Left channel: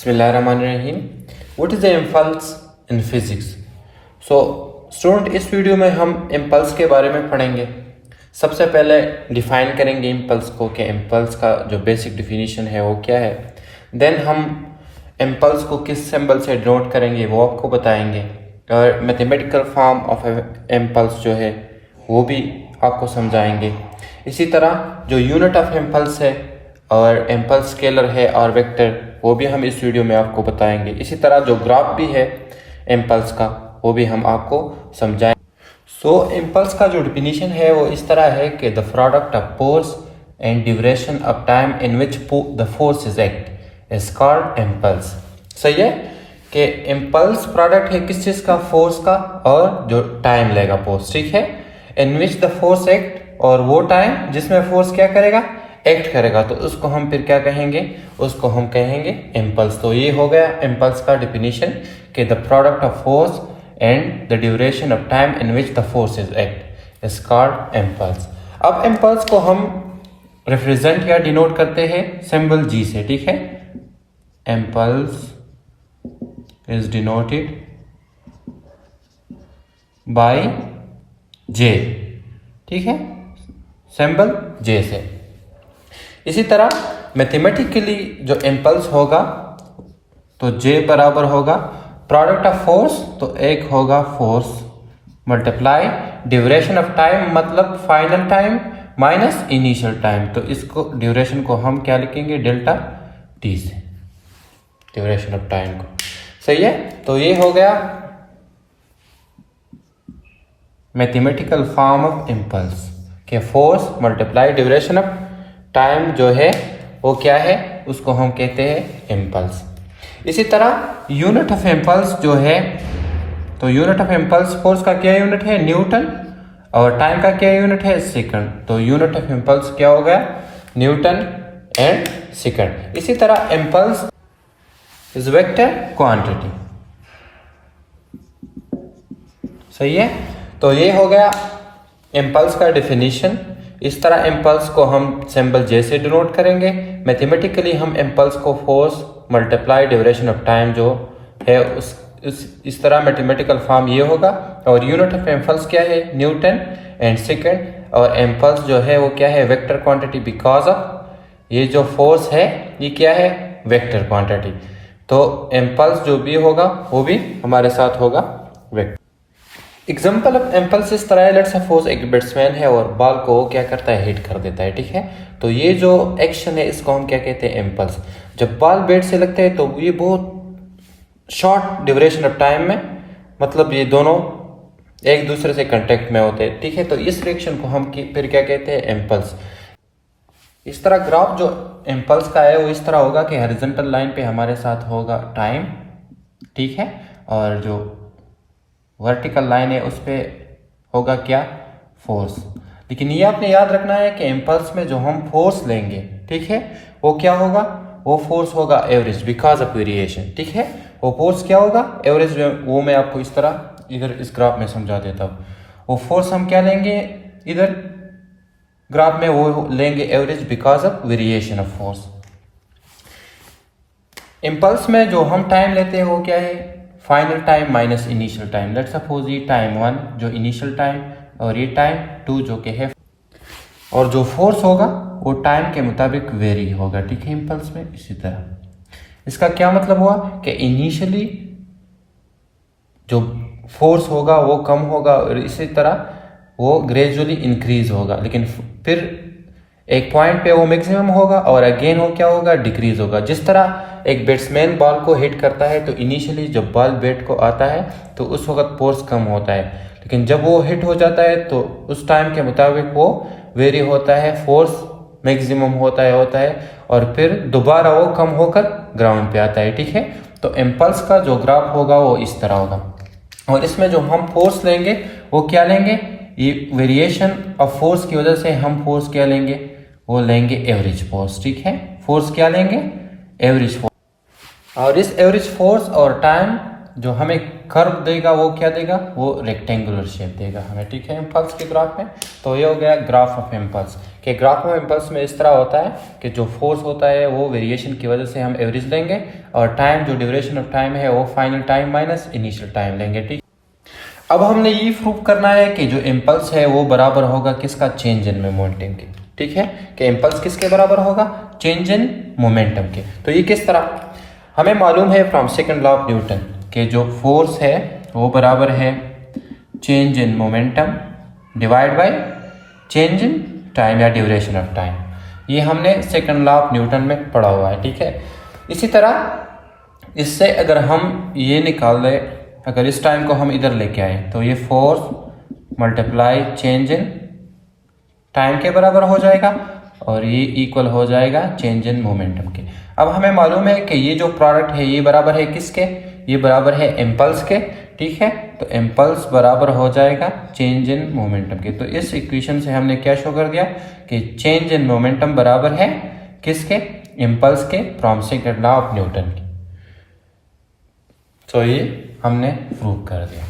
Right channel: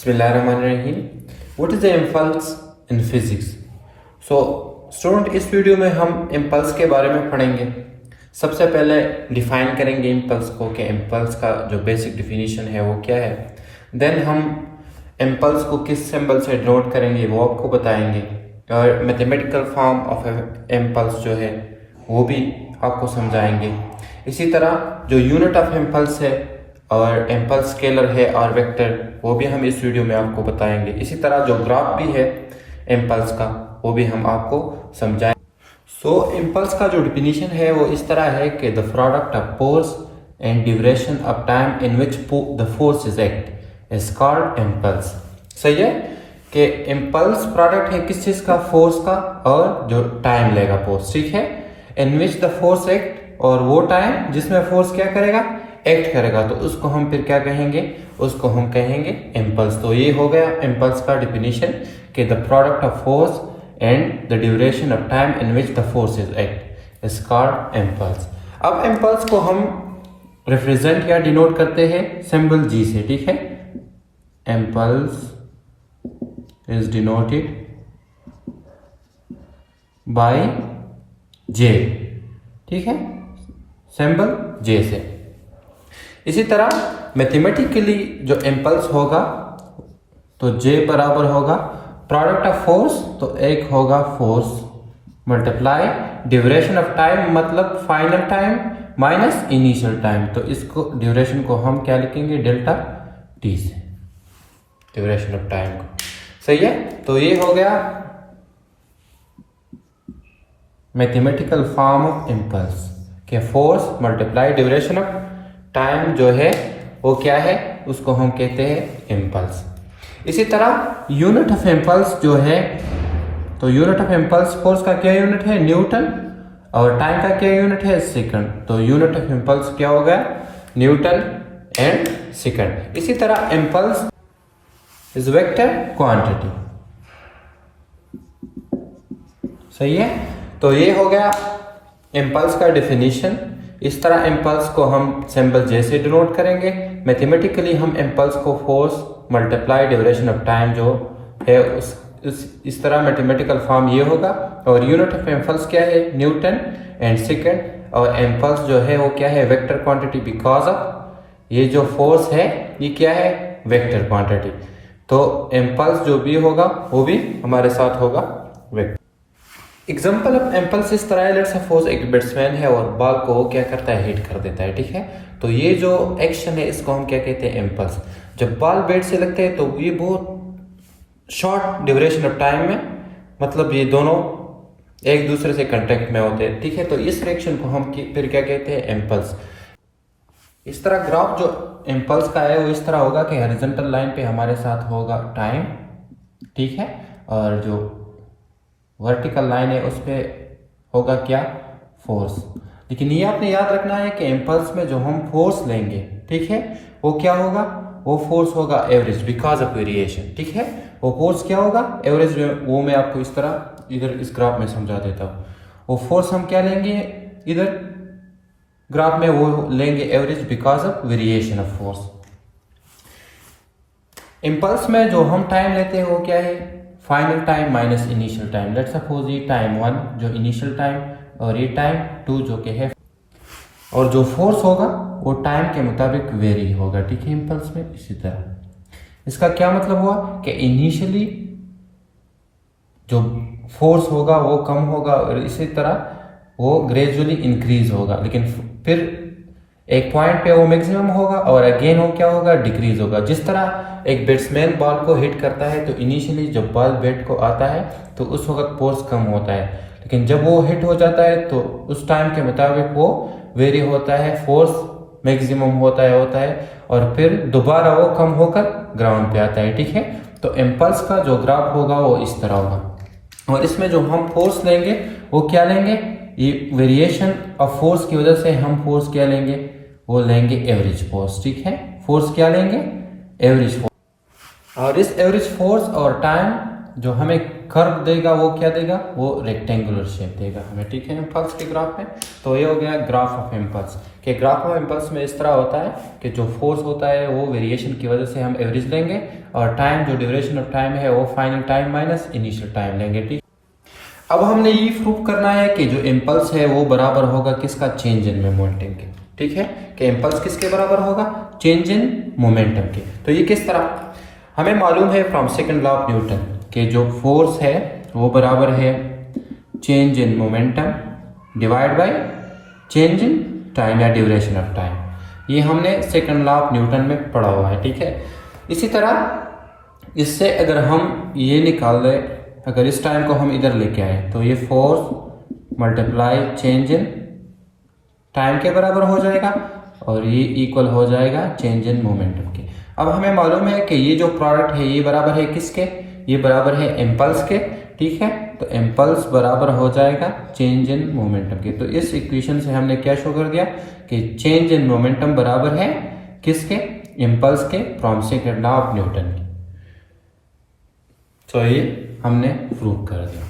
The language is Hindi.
बिस्मिल्लाहिर्रहमानिर्रहीम। What is the impulse in physics. So student, इस वीडियो में हम इम्पल्स के बारे में पढ़ेंगे। सबसे पहले डिफाइन करेंगे इम्पल्स को कि इम्पल्स का जो बेसिक डिफिनीशन है वो क्या है। देन हम इम्पल्स को किस सिंबल से डिनोट करेंगे वो आपको बताएंगे, और मैथमेटिकल फॉर्म ऑफ इम्पल्स जो है वो भी आपको समझाएंगे। इसी तरह जो यूनिट ऑफ इम्पल्स है और इम्पल्स स्केलर है और वेक्टर, वो भी हम इस वीडियो में आपको बताएंगे। इसी तरह जो ग्राफ भी है इम्पल्स का वो भी हम आपको समझाएंगे। सो इम्पल्स का जो डिफिनीशन है वो इस तरह है कि the product of force and duration of time in which the force is act is called impulse. सही है कि इम्पल्स प्रोडक्ट है किस चीज़ का, फोर्स का, और जो टाइम लेगा फोर्स, ठीक है, इन विच द फोर्स एक्ट, और वो टाइम जिसमें फोर्स क्या करेगा, एक्ट करेगा, तो उसको हम फिर क्या कहेंगे, उसको हम कहेंगे इम्पल्स। तो ये हो गया इम्पल्स का डिफिनीशन कि the product of force and the duration of time in which the force is act is called impulse. अब इम्पल्स को हम रिप्रेजेंट या डिनोट करते हैं सिंबल जी से, ठीक है। Impulse is denoted by J, ठीक है, सिंबल जे से। इसी तरह मैथमेटिकली जो इम्पल्स होगा तो J बराबर होगा प्रोडक्ट ऑफ फोर्स, तो एक होगा force multiply duration of time, मतलब final time minus initial time. तो इसको ड्यूरेशन को हम क्या लिखेंगे, डेल्टा टी से, ड्यूरेशन ऑफ टाइम को। सही है, तो ये हो गया मैथमेटिकल फॉर्म ऑफ इम्पल्स कि force multiply duration of time जो है वो क्या है, उसको हम कहते हैं इम्पल्स। इसी तरह यूनिट ऑफ इम्पल्स जो है, तो यूनिट ऑफ इम्पल्स फोर्स का क्या यूनिट है, न्यूटन, और टाइम का क्या यूनिट है, सेकंड। तो यूनिट ऑफ इम्पल्स क्या हो गया, न्यूटन एंड सेकंड। इसी तरह इम्पल्स इज वेक्टर क्वांटिटी। सही है, तो ये हो गया इम्पल्स का डेफिनेशन। इस तरह इम्पल्स को हम सिंबल जे से डिनोट करेंगे। मैथमेटिकली हम इम्पल्स को force multiply duration of time जो है इस तरह मैथमेटिकल फॉर्म ये होगा। और यूनिट ऑफ इम्पल्स क्या है, न्यूटन एंड सेकंड। और इम्पल्स जो है वो क्या है, वेक्टर क्वांटिटी, बिकॉज ऑफ ये जो फोर्स है ये क्या है, वेक्टर क्वांटिटी। तो इम्पल्स जो भी होगा वो भी हमारे साथ होगा वेक्टर। एग्जाम्पल ऑफ इम्पल्स इस तरह है, लेट्स सपोज एक बैट्समैन है और बॉल को क्या करता है, हिट कर देता है, ठीक है। तो ये जो एक्शन है इसको हम क्या कहते हैं, इम्पल्स। जब बॉल बैट से लगता है तो ये बहुत शॉर्ट ड्यूरेशन ऑफ टाइम में, मतलब ये दोनों एक दूसरे से कांटेक्ट में होते हैं, ठीक है। तो इस रिएक्शन को हम फिर क्या कहते हैं, इम्पल्स। इस तरह ग्राफ जो इम्पल्स का है वो इस तरह होगा कि हॉरिजॉन्टल लाइन पे हमारे साथ होगा टाइम, ठीक है, और जो वर्टिकल लाइन है उस पर होगा क्या, फोर्स। लेकिन ये आपने याद रखना है कि इम्पल्स में जो हम फोर्स लेंगे, ठीक है, वो क्या होगा, वो फोर्स होगा एवरेज बिकॉज ऑफ वेरिएशन, ठीक है। वो फोर्स क्या होगा, एवरेज। वो मैं आपको इस तरह इधर इस ग्राफ में समझा देता हूँ। वो फोर्स हम क्या लेंगे इधर ग्राफ में, वो लेंगे average because of variation of force. Impulse में जो हम टाइम लेते हैं वो क्या है, final time minus initial time. Let's suppose ये टाइम 1 जो इनिशियल टाइम, और ये टाइम 2 जो कि है, और जो फोर्स होगा वो टाइम के मुताबिक वेरी होगा, ठीक है, इम्पल्स में। इसी तरह इसका क्या मतलब हुआ कि इनिशियली जो फोर्स होगा वो कम होगा, और इसी तरह वो ग्रेजुअली इंक्रीज होगा, लेकिन फिर एक पॉइंट पे वो मैक्सिमम होगा और अगेन वो क्या होगा, डिक्रीज होगा। जिस तरह एक बैट्समैन बॉल को हिट करता है तो इनिशियली जब बॉल बैट को आता है तो उस वक्त फोर्स कम होता है, लेकिन जब वो हिट हो जाता है तो उस टाइम के मुताबिक वो वेरी होता है, फोर्स मैक्सिमम होता है, और फिर दोबारा वो कम होकर ग्राउंड पे आता है, ठीक है। तो इम्पल्स का जो ग्राफ होगा वो इस तरह होगा, और इसमें जो हम फोर्स लेंगे वो क्या लेंगे, ये वेरिएशन ऑफ फोर्स की वजह से हम फोर्स क्या लेंगे, वो लेंगे एवरेज फोर्स, ठीक है। फोर्स क्या लेंगे, एवरेज फोर्स। और इस एवरेज फोर्स और टाइम जो हमें कर्व देगा वो क्या देगा, वो रेक्टेंगुलर शेप देगा हमें, ठीक है, इम्पल्स के ग्राफ में। तो ये हो गया ग्राफ ऑफ इम्पल्स। कि ग्राफ ऑफ इम्पल्स में इस तरह होता है कि जो फोर्स होता है वो वेरिएशन की वजह से हम एवरेज लेंगे, और टाइम जो ड्यूरेशन ऑफ टाइम है वो final time minus initial time लेंगे, ठीक। अब हमने ये प्रूव करना है कि जो इम्पल्स है वो बराबर होगा किसका, चेंज इन मोमेंटम के, ठीक है, कि इम्पल्स किसके बराबर होगा, चेंज इन मोमेंटम के। तो ये किस तरह, हमें मालूम है from second law of Newton कि जो फोर्स है वो बराबर है change in momentum divide by change in time या ड्यूरेशन ऑफ टाइम। ये हमने सेकंड लॉ ऑफ न्यूटन में पढ़ा हुआ है, ठीक है। इसी तरह इससे अगर हम ये निकाल दें, अगर इस टाइम को हम इधर लेके आए तो ये force multiply change in time के बराबर हो जाएगा, और ये इक्वल हो जाएगा चेंज इन मोमेंटम के। अब हमें मालूम है कि ये जो प्रोडक्ट है ये बराबर है किसके, ये बराबर है इम्पल्स के, ठीक है। तो इम्पल्स बराबर हो जाएगा चेंज इन मोमेंटम के। तो इस इक्वेशन से हमने क्या शो कर दिया कि चेंज इन मोमेंटम बराबर है किसके, इम्पल्स के, from second law of Newton की। तो ये हमने प्रूव कर दिया।